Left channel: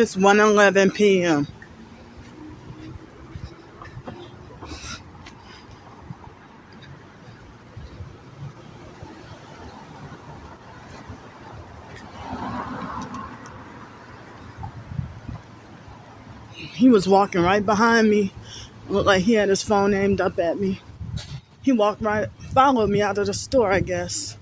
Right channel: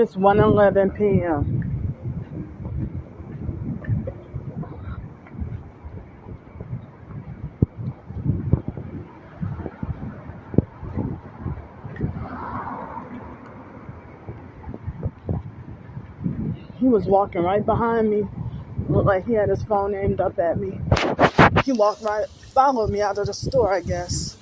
It's 1:11 p.m. He was walking right behind me. Looked like he had his phone aimed up at me. He followed me out of the store, I guess.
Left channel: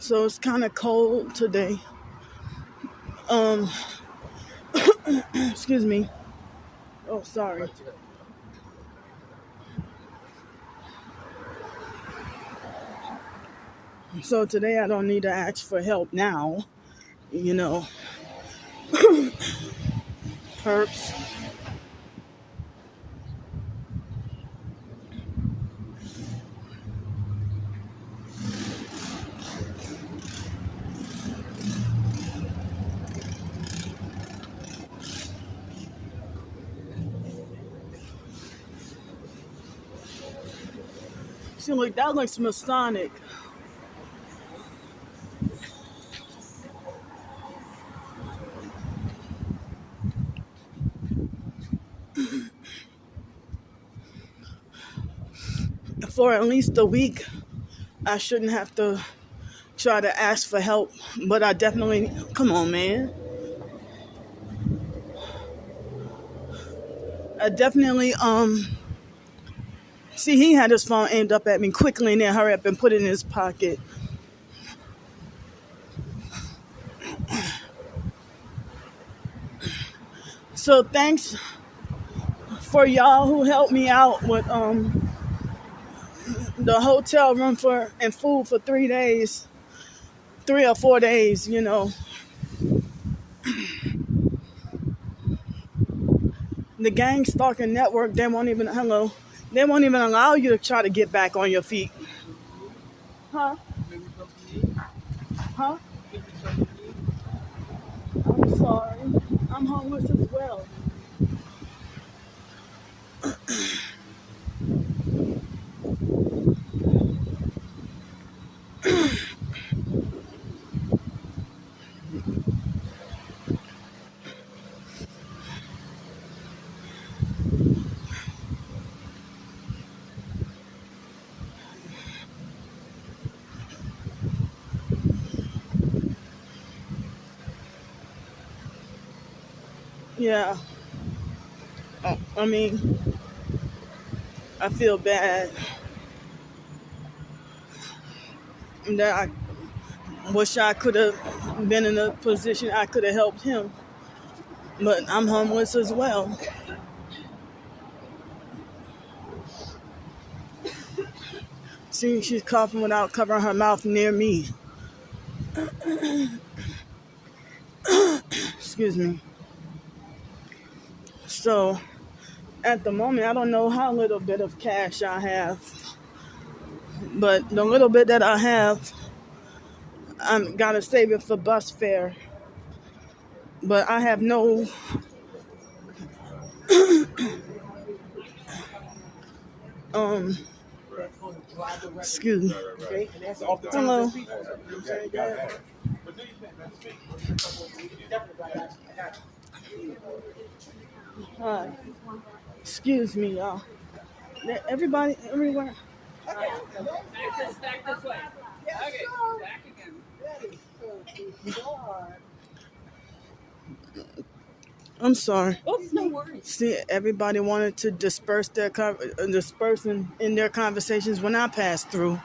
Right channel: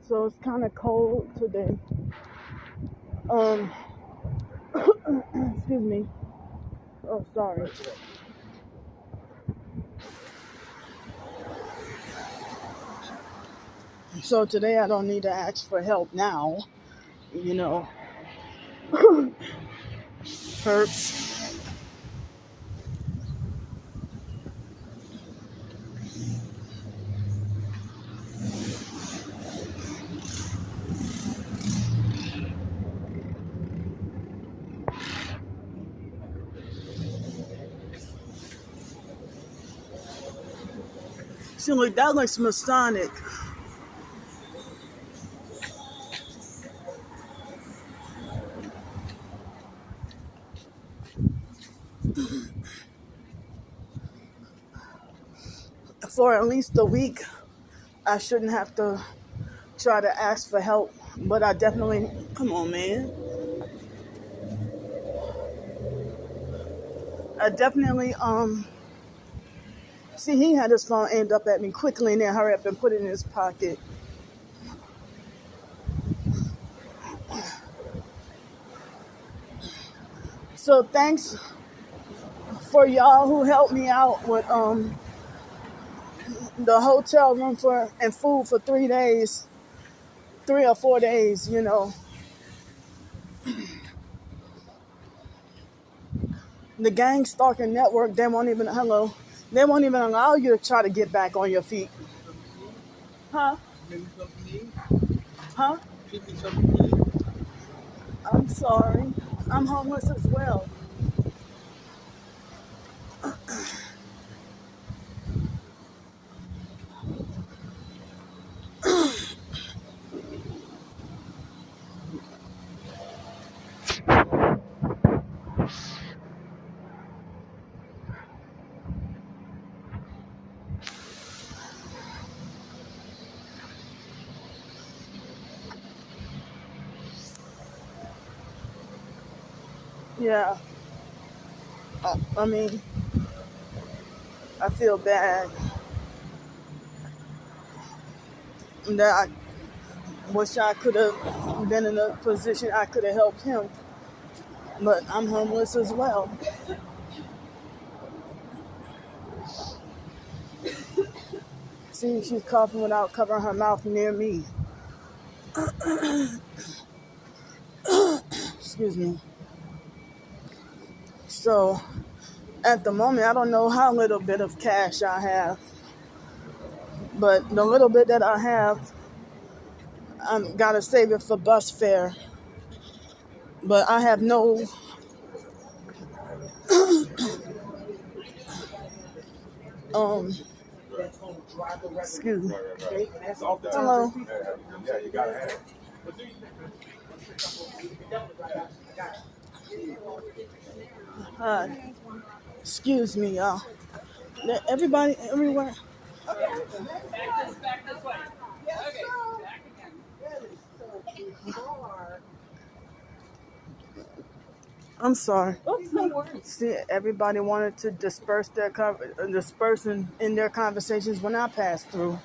So it's kind of cold today. Excuse me. Oh, sorry. So today I don't need to ask for help now. You know, perps. See, look, that looks Masonic. For at least a week, I shouldn't have to try to ask for help, but I definitely, come on, man. I definitely, see, he had his phone aimed up at me quickly and then hurry up and put it in his pocket. So thanks for y'all who helped me out with the hotel room and food for 3 days, 3 or 4 days, you know. The gang stalking network, they won't even allow you to try to get back on your feet. Huh? Huh? I'm sorry. I'm homeless as well. Yeah. I mean, I feel bad. I wish I could have been in a position I could have helped him. But I'm homeless as well. See, she's coughing without covering her mouth near me. Excuse me. So, at the moment, I don't know how little bit of cash I have. But the little bit that I have, I'm gotta save it for bus fare. But I have no excuse me. Hello. Hi. Excuse me, y'all. Everybody, everywhere. Okay. Back this way. Okay, back again. I'm sorry. Oh, no worries. See, everybody wanted to disperse in their conversations when I passed through.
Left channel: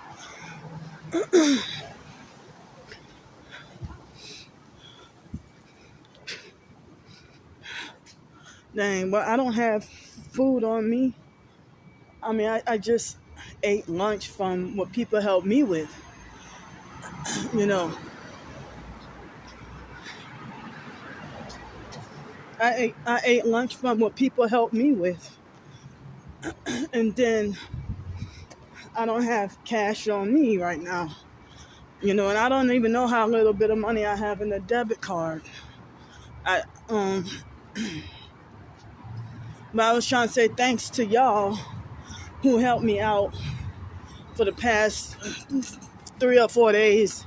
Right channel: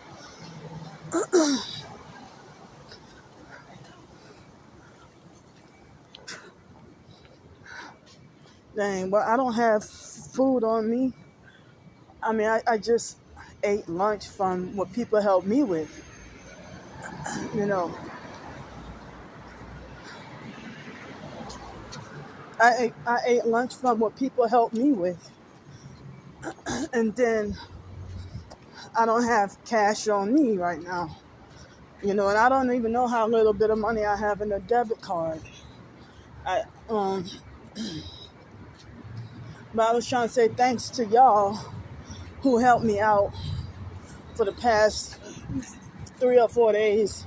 Dang, but I don't have food on me. I mean, I just ate lunch from what people helped me with. You know, I ate lunch from what people helped me with. And then I don't have cash on me right now. And I don't even know how little bit of money I have in the debit card. But I was trying to say thanks to y'all who helped me out for the past 3 or 4 days,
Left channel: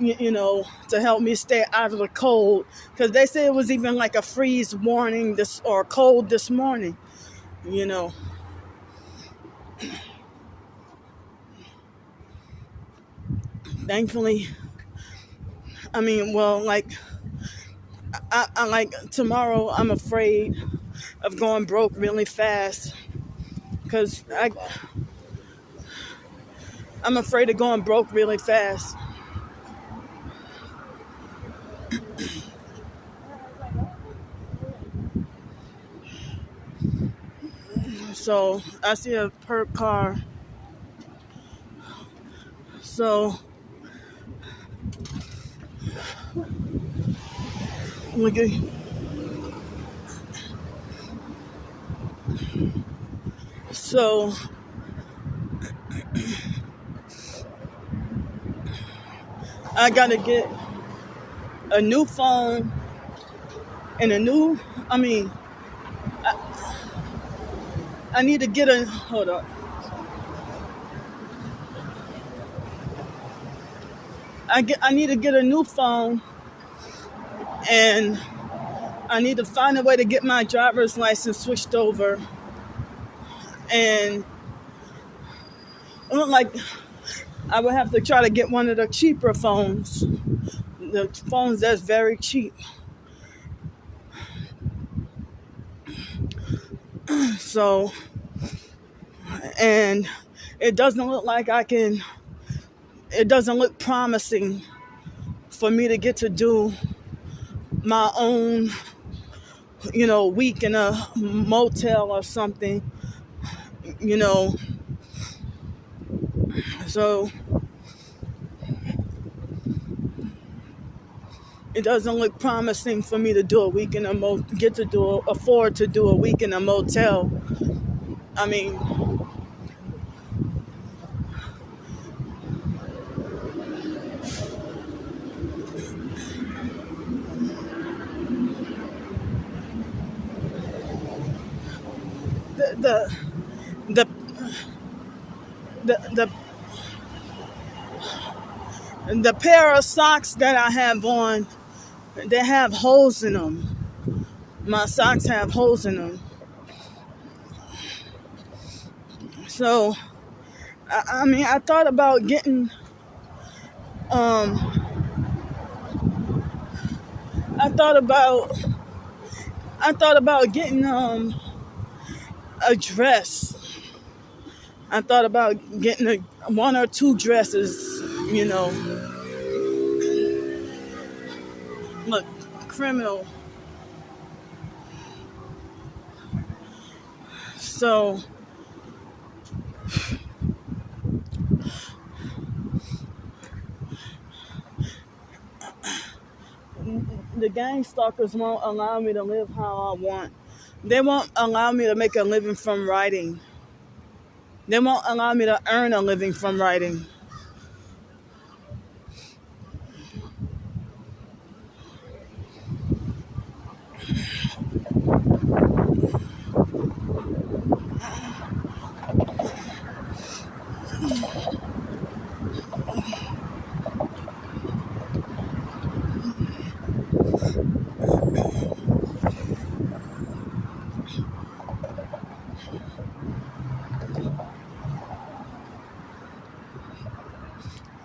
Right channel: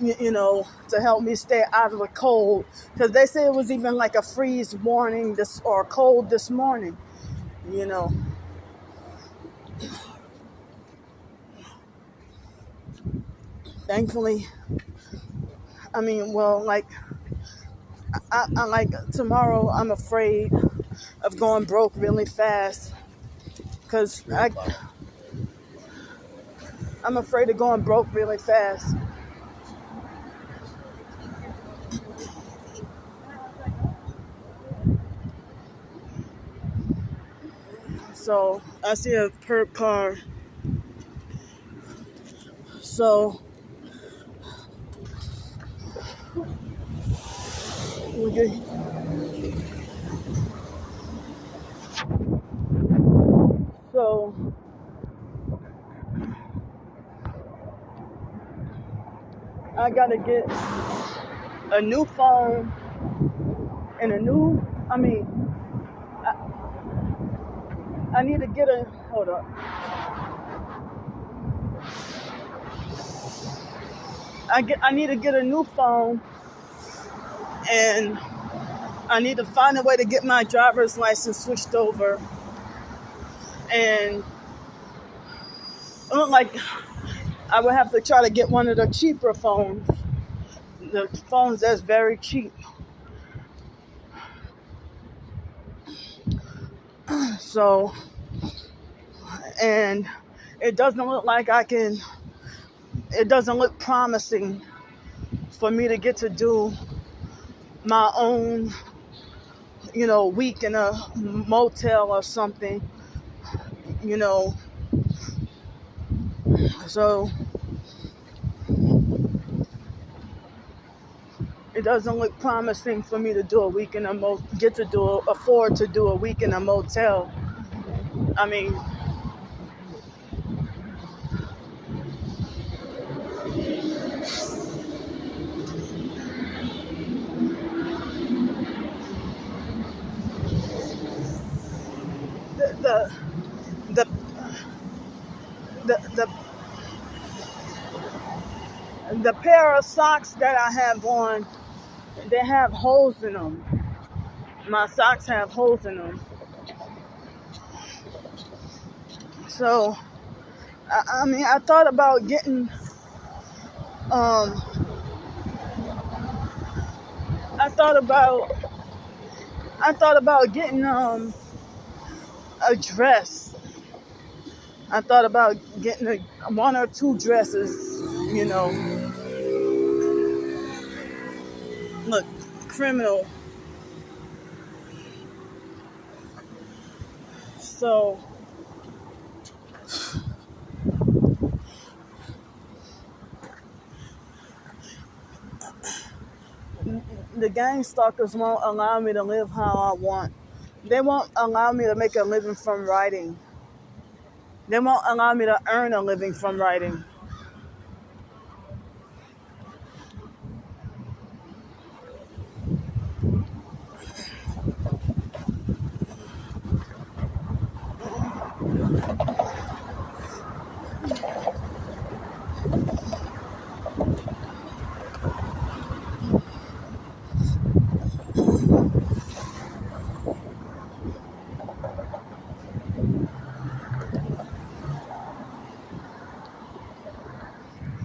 to help me stay out of the cold. Because they said it was even like a freeze warning or cold this morning, Thankfully, tomorrow I'm afraid of going broke really fast because I'm afraid of going broke really fast. So I see a perp car. So look at. So I gotta get a new phone and I need to get hold up. I need to get a new phone, and I need to find a way to get my driver's license switched over. And it looked like I would have to try to get one of the cheaper phones. The phones that's very cheap. So, and it doesn't look like it doesn't look promising for me to get to do my own, week in a motel or something, So it doesn't look promising for me to do a week in afford to do a week in a motel. I mean, the the the the, the pair of socks that I have on, they have holes in them. My socks have holes in them. So, I thought about getting, I thought about getting, a dress. I thought about getting one or two dresses, Look, criminal. So, the gang stalkers won't allow me to live how I want. They won't allow me to make a living from writing. They won't allow me to earn a living from writing.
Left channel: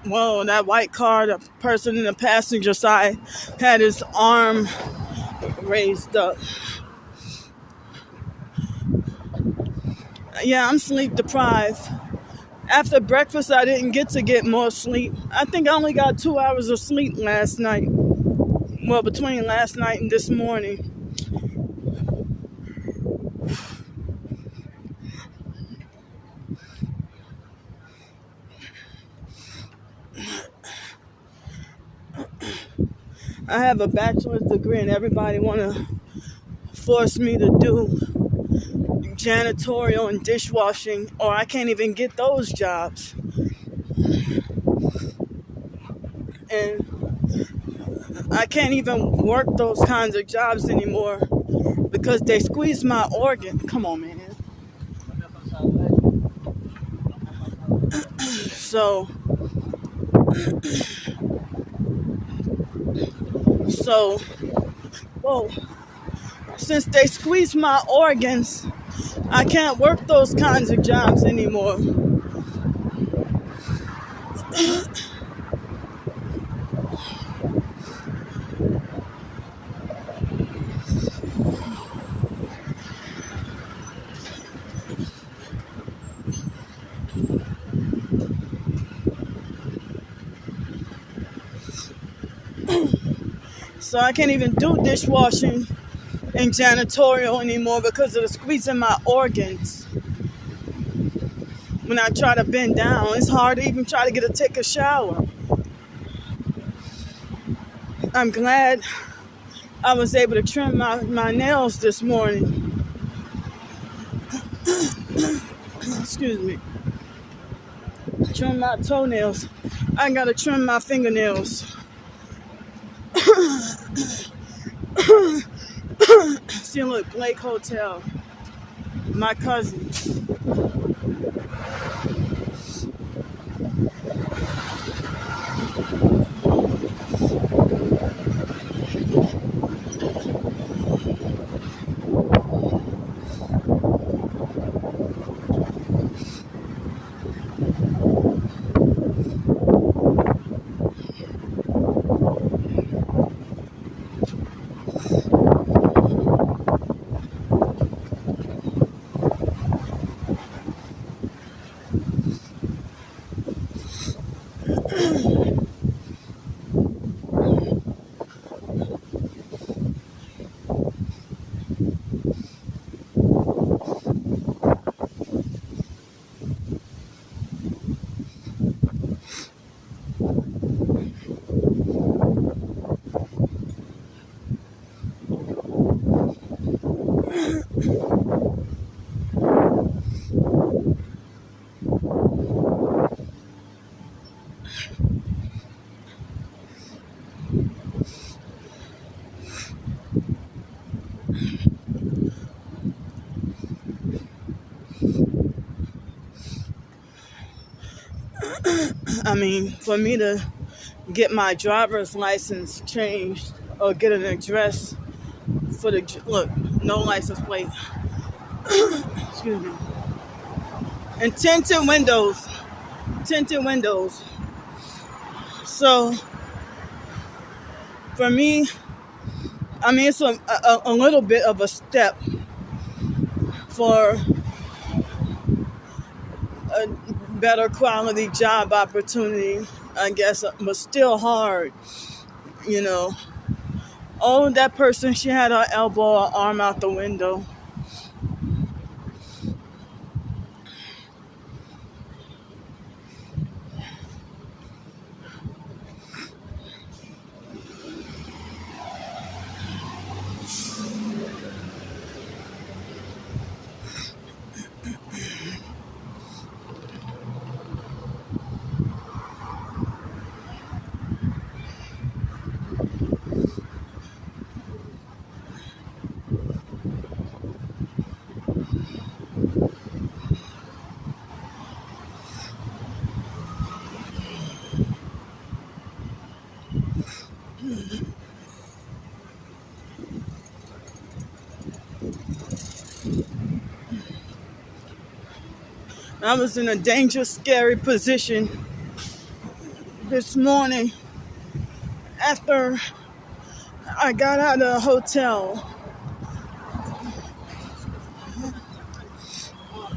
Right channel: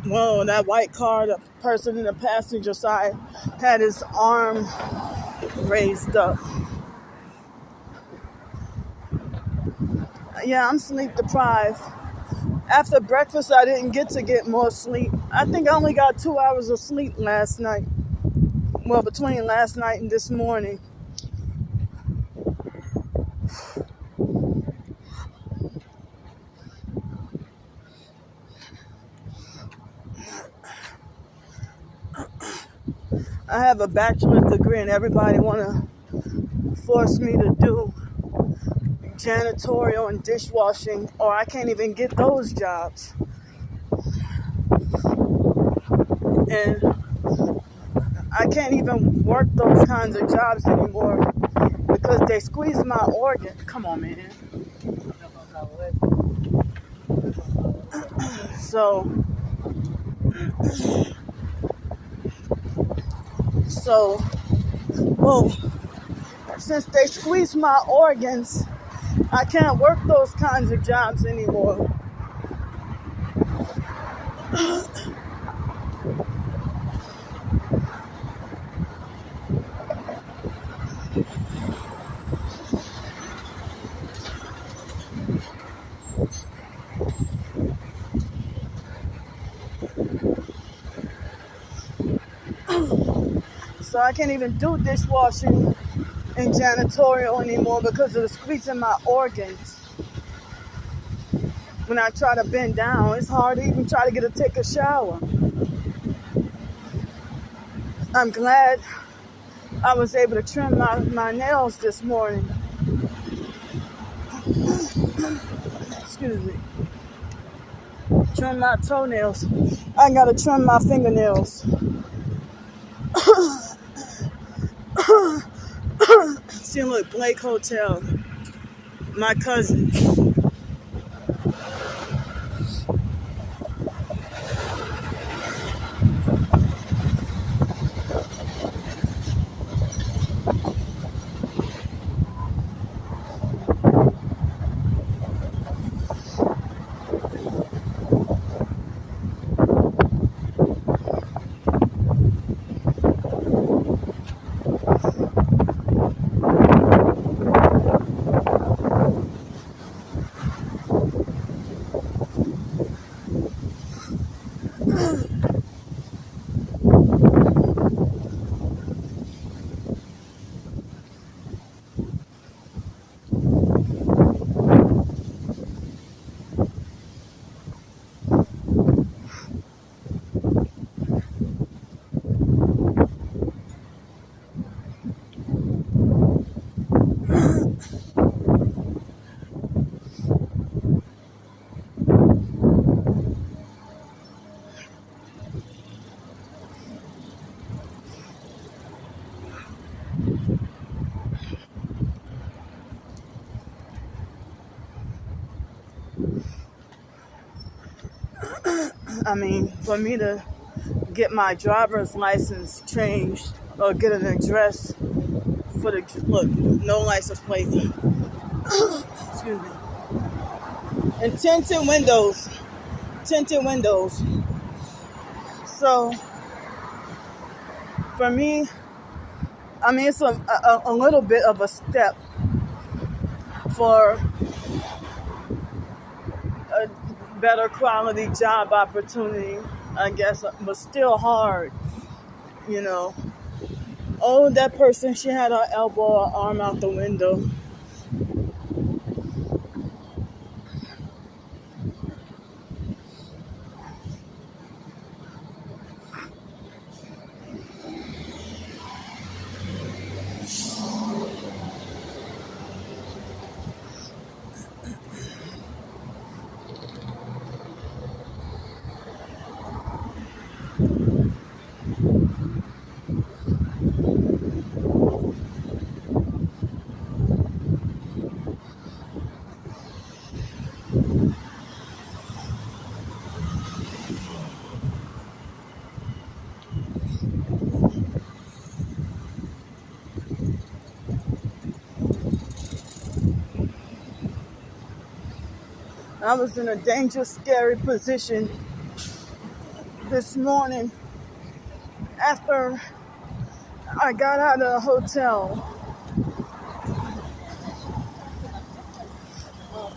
Whoa, that white car, the person in the passenger side had his arm raised up. Yeah, I'm sleep deprived. After breakfast, I didn't get more sleep. I think I only got 2 hours of sleep last night. Well, between last night and this morning. I have a bachelor's degree and everybody want to force me to do janitorial and dishwashing, or I can't even get those jobs. And I can't even work those kinds of jobs anymore because they squeeze my organ. Come on, man. So, well, since they squeeze my organs, I can't work those kinds of jobs anymore. So I can't even do dishwashing and janitorial anymore because of the squeezing my organs. When I try to bend down, it's hard to even try to take a shower. I'm glad I was able to trim my nails this morning. Excuse me. Trim my toenails. I gotta trim my fingernails. See, look, Blake Hotel. My cousin. I mean, for me to get my driver's license changed or get an address for the, look, no license plate. Excuse me. And tinted windows. So for me, I mean, it's a little bit of a step for a better quality job opportunity, I guess, but still hard, you know. Oh, that person, she had her elbow or arm out the window. I was in a dangerous, scary position this morning after I got out of the hotel.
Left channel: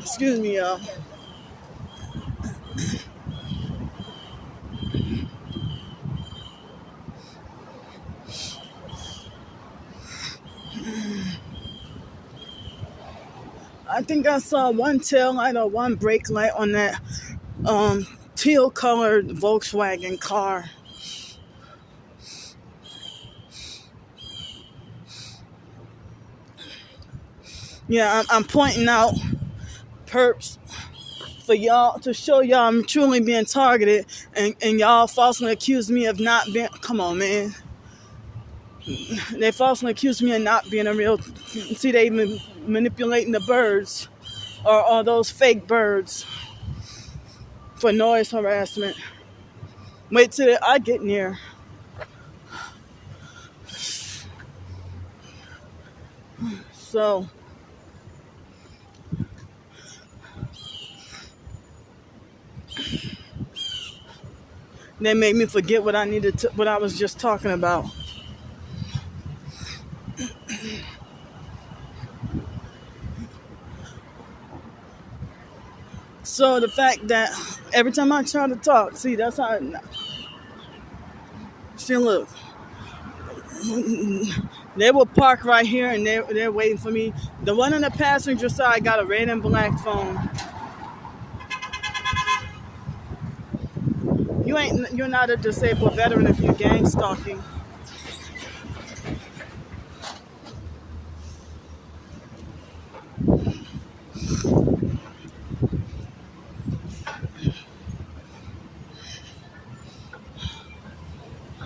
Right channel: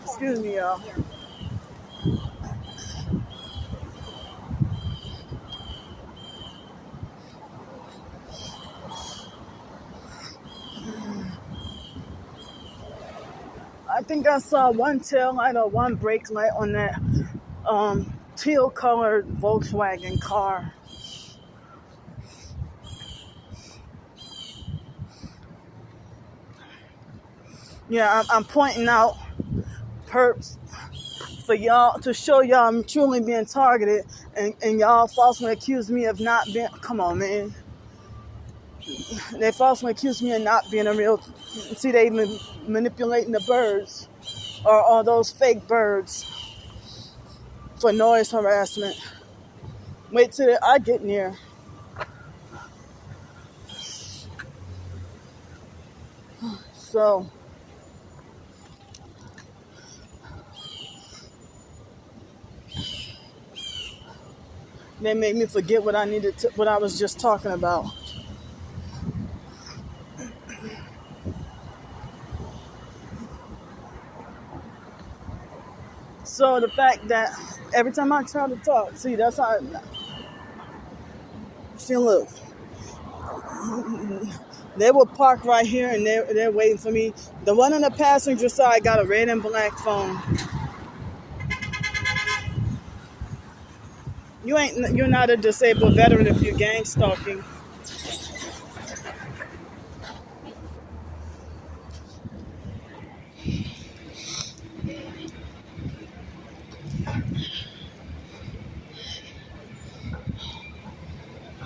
Excuse me, y'all. I think I saw one tail light or one brake light on that teal colored Volkswagen car. Yeah, I'm pointing out perps for y'all to show y'all I'm truly being targeted, and y'all falsely accuse me of not being. Come on, man. They falsely accuse me of not being a real. See, they even manipulating the birds or those fake birds for noise harassment. Wait till I get near. So they made me forget what what I was just talking about. So the fact that every time I try to talk, see, that's how. See, look, they will park right here and they're waiting for me. The one on the passenger side got a red and black phone. You're not a disabled veteran if you're gang stalking.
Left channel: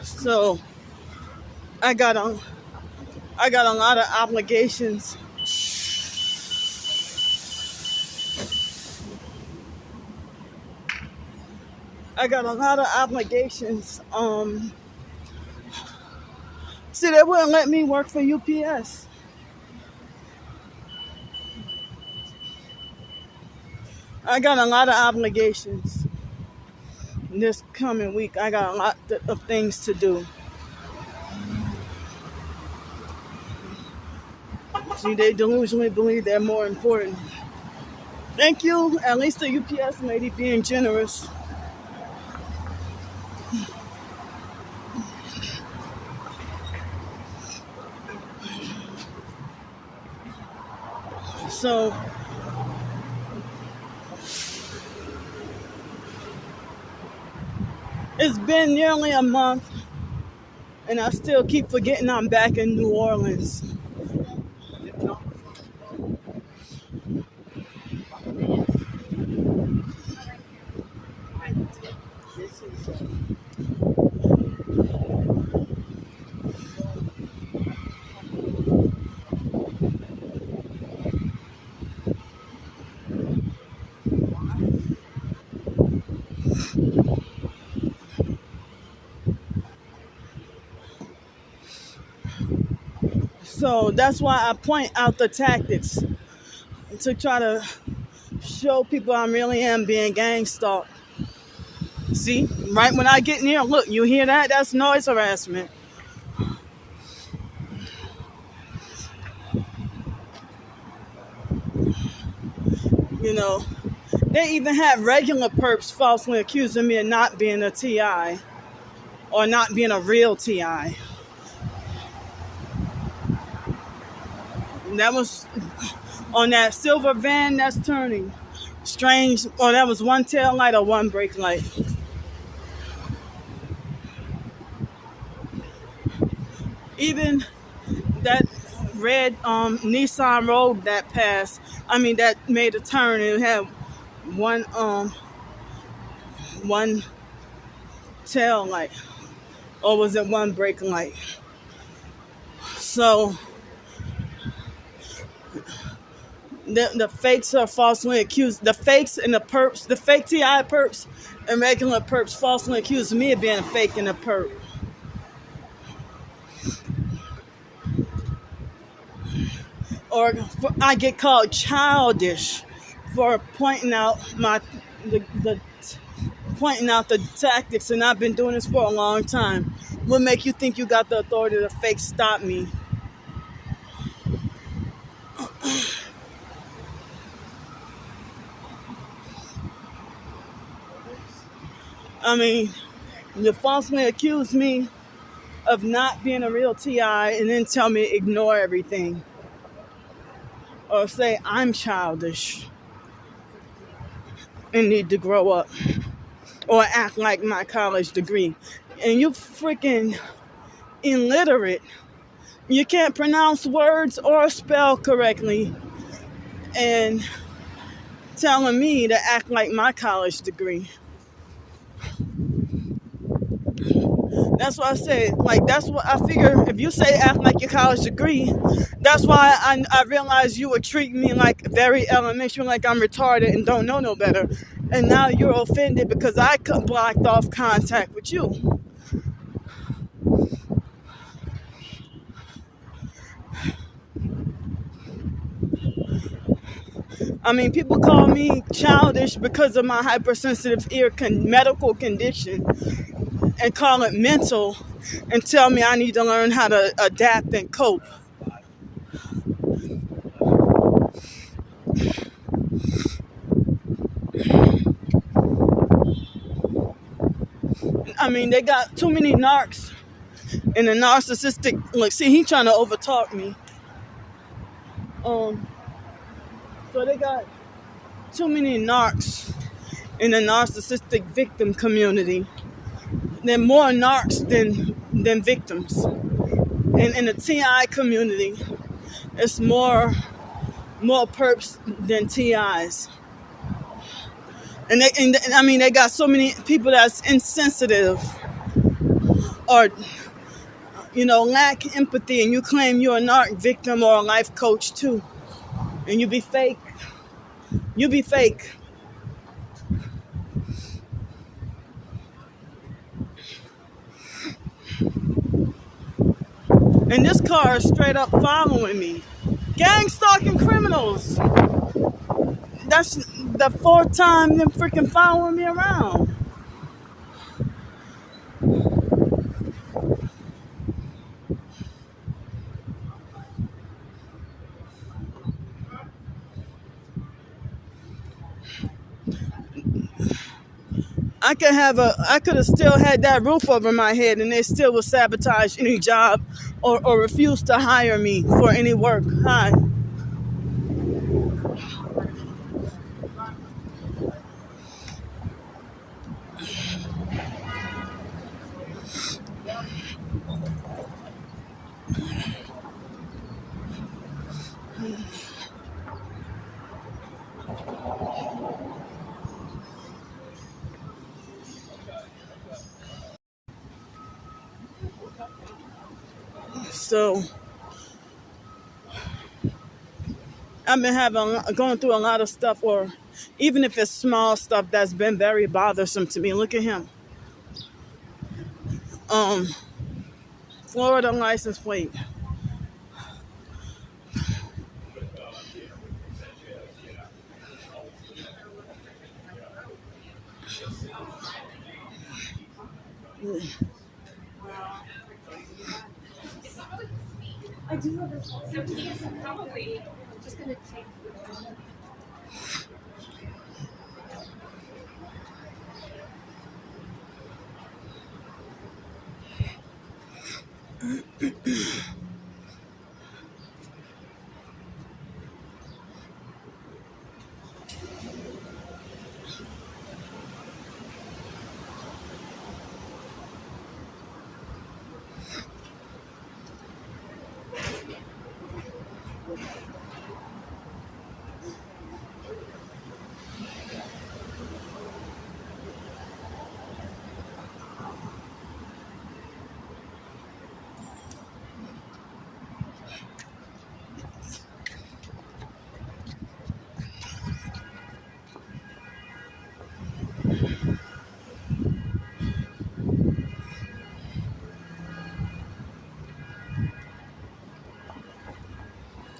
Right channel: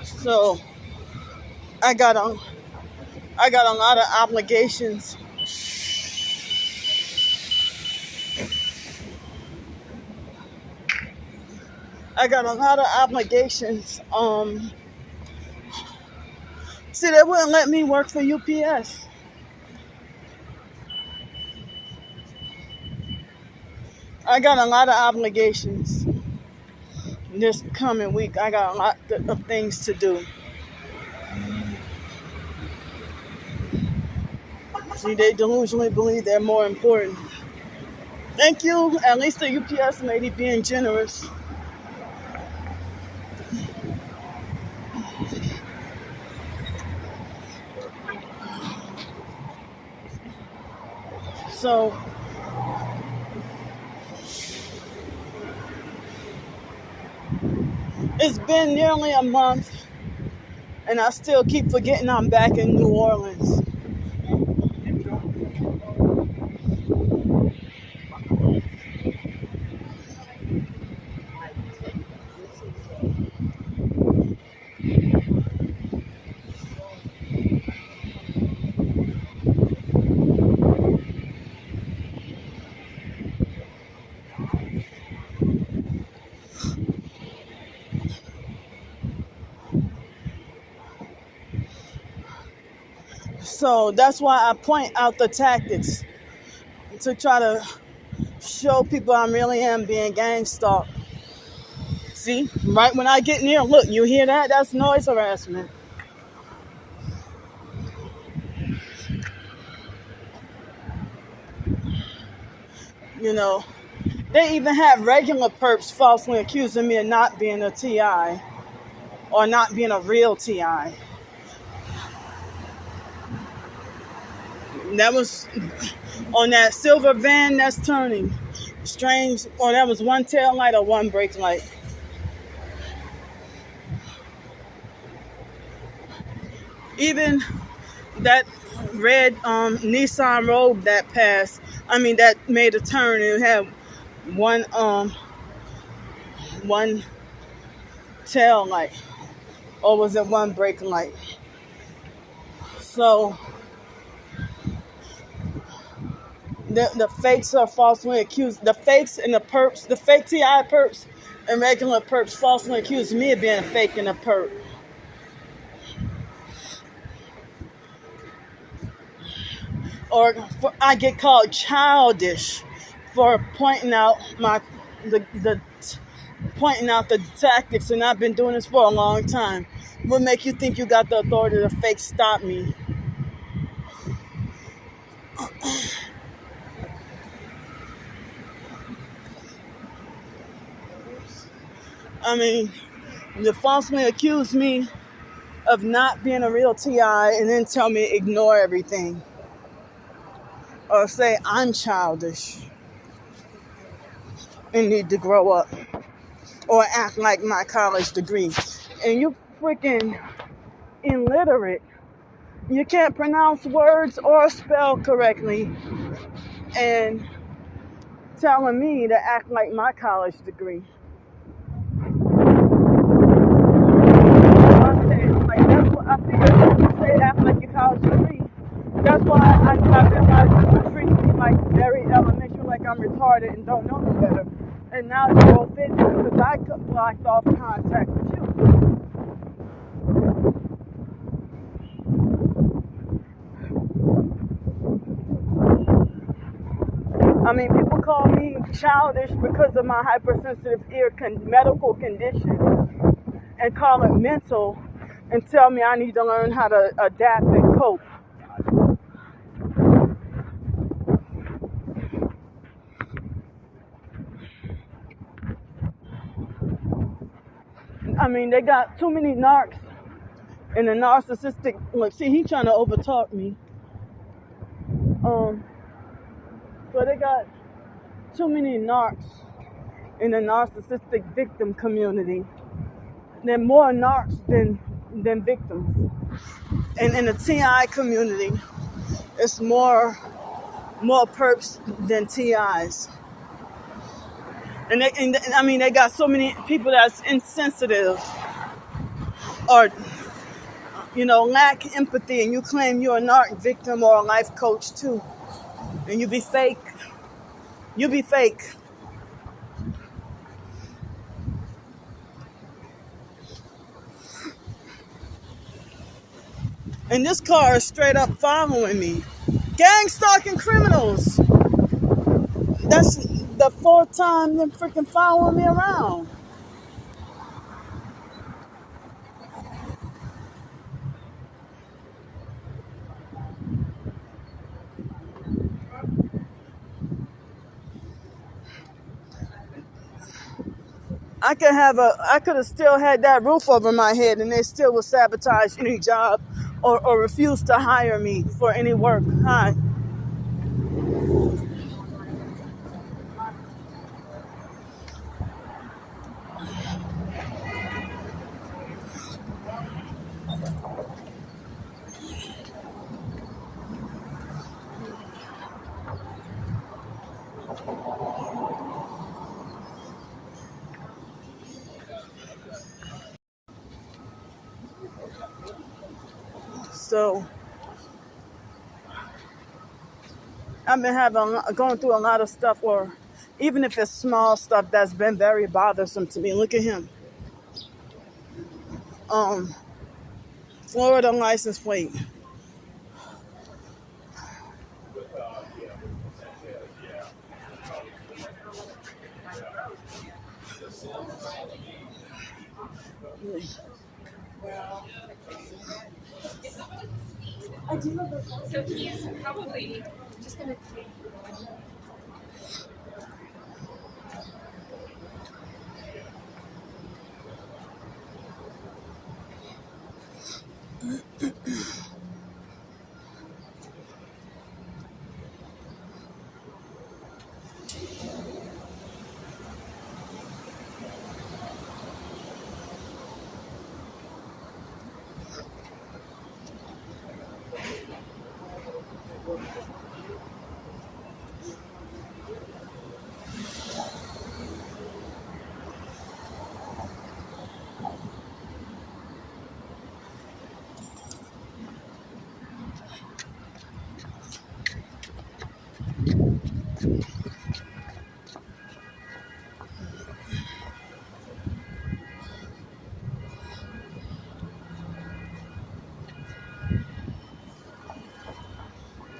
So I got a lot of obligations. I got a lot of obligations. See, they wouldn't let me work for UPS. I got a lot of obligations. This coming week, I got a lot of things to do. See, they delusionally believe they're more important. Thank you, at least the UPS lady being generous. So it's been nearly a month, and I still keep forgetting I'm back in New Orleans. So that's why I point out the tactics to try to show people I really am being gang stalked. See, right when I get near, look, you hear that? That's noise harassment. You know, they even have regular perps falsely accusing me of not being a TI or not being a real TI. That was on that silver van that's turning. Strange, or that was one tail light or one brake light. Even that red Nissan Rogue that passed, that made a turn, and it had one tail light, or was it one brake light? So the fakes are falsely accused. The fakes and the perps, the fake TI perps and regular perps falsely accused me of being a fake and a perp. Or I get called childish for pointing out pointing out the tactics, and I've been doing this for a long time. What make you think you got the authority to fake stop me? You falsely accuse me of not being a real TI and then tell me ignore everything. Or say I'm childish and need to grow up. Or act like my college degree. And you freaking illiterate. You can't pronounce words or spell correctly. and telling me to act like my college degree. That's why I said, like, that's what I figured. If you say act like your college degree, that's why I realized you would treat me like very elementary, like I'm retarded and don't know no better. And now you're offended because I blocked off contact with you. I mean, people call me childish because of my hypersensitive ear medical condition and call it mental and tell me I need to learn how to adapt and cope. I mean, they got too many narcs and the narcissistic, like, see, he trying to overtalk me. So they got too many narcs in the narcissistic victim community. There are more narcs than victims. And in the TI community, it's more perps than TIs. And I mean, they got so many people that's insensitive or, you know, lack empathy, and you claim you're a narc victim or a life coach too. And you be fake. You be fake. And this car is straight up following me. Gang stalking criminals. That's the fourth time them freaking following me around. I could have still had that roof over my head and they still would sabotage any job or refuse to hire me for any work. Hi. So I've been going through a lot of stuff, or even if it's small stuff that's been very bothersome to me. Look at him. Florida license plate. So he's probably just going to take.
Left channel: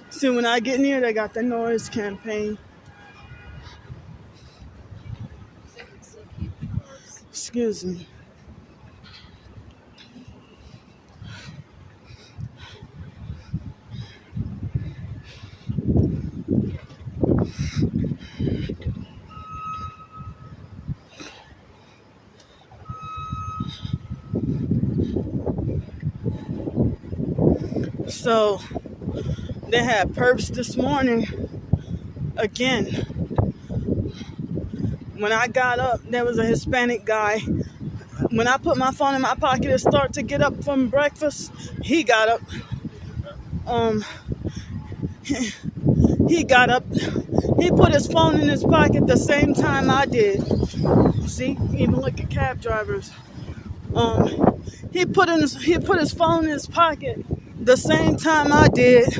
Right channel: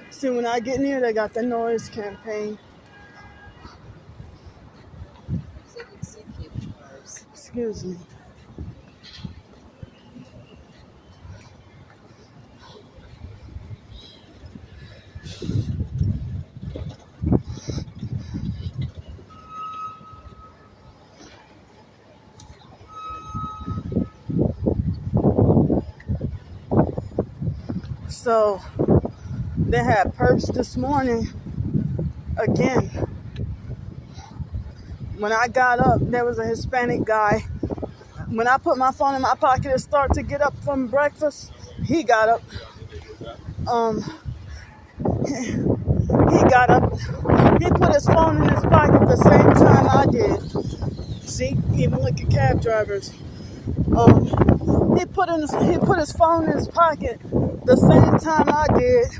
See, when I get near, they got the noise campaign. Excuse me. So they had perps this morning again. When I got up, there was a Hispanic guy. When I put my phone in my pocket and start to get up from breakfast, he got up. He got up, he put his phone in his pocket the same time I did. See, even look at cab drivers. He put his phone in his pocket the same time I did,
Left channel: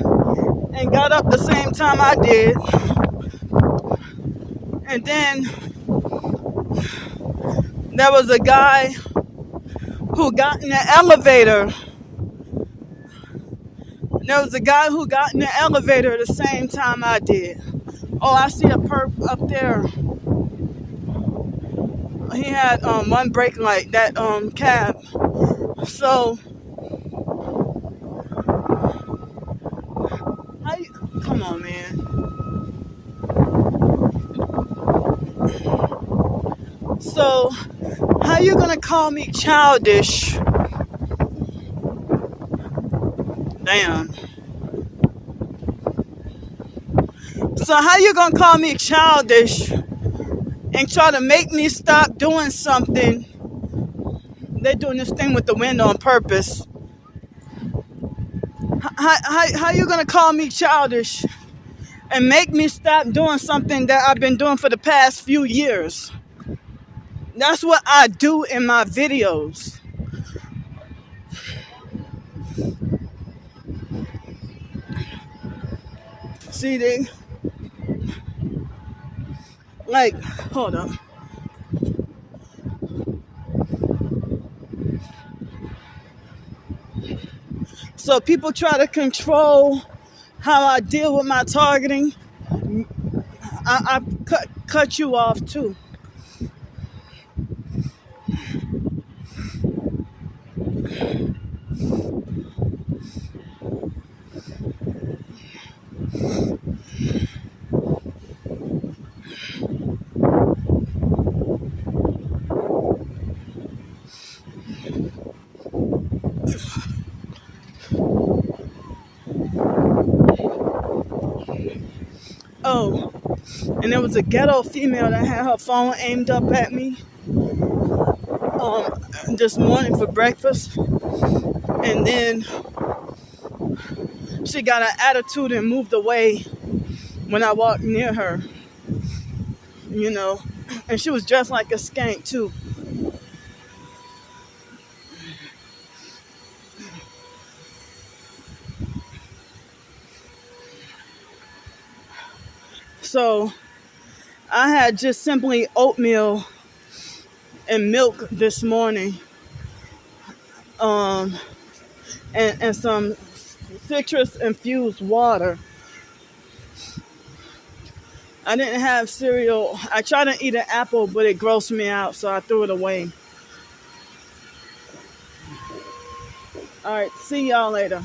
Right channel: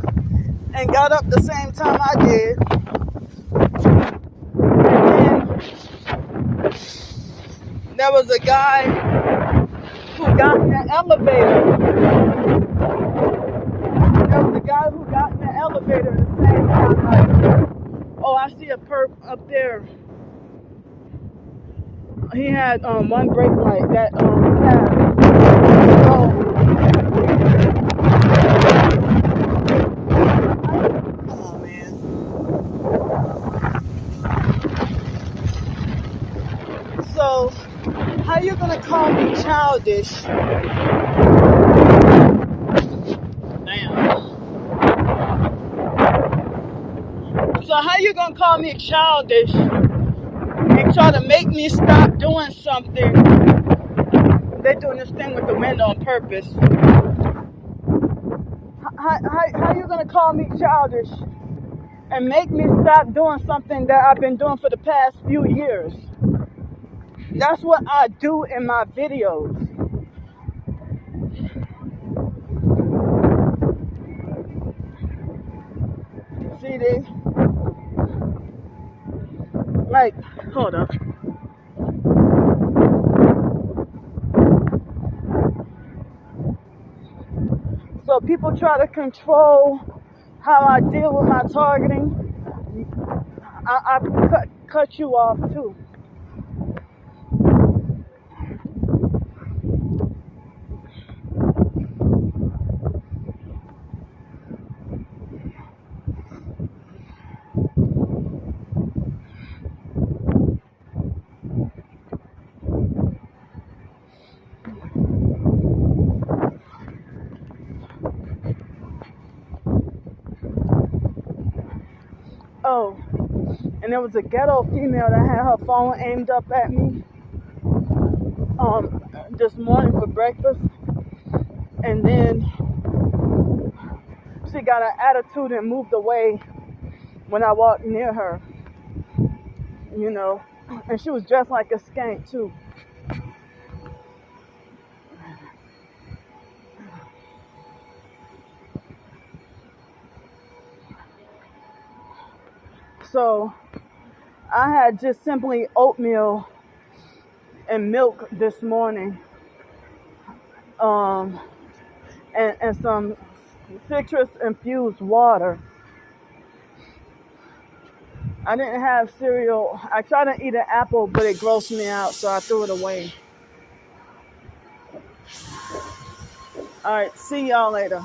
and got up the same time I did. And then there was a guy who got in the elevator. There was a guy who got in the elevator the same time I did. Oh, I see a perp up there. He had one brake light, that cab. So, come on, man. So, how you gonna call me childish? Damn. So how you gonna call me childish and try to make me stop doing something? They're doing this thing with the wind on purpose. How you gonna call me childish and make me stop doing something that I've been doing for the past few years? That's what I do in my videos. See, they like, hold up. So people try to control how I deal with my targeting. I cut you off too. Oh, and there was a ghetto female that had her phone aimed up at me this morning for breakfast, and then she got an attitude and moved away when I walked near her, you know, and she was dressed like a skank too. So I had just simply oatmeal and milk this morning, and some citrus infused water. I didn't have cereal. I tried to eat an apple, but it grossed me out, so I threw it away. All right, see y'all later.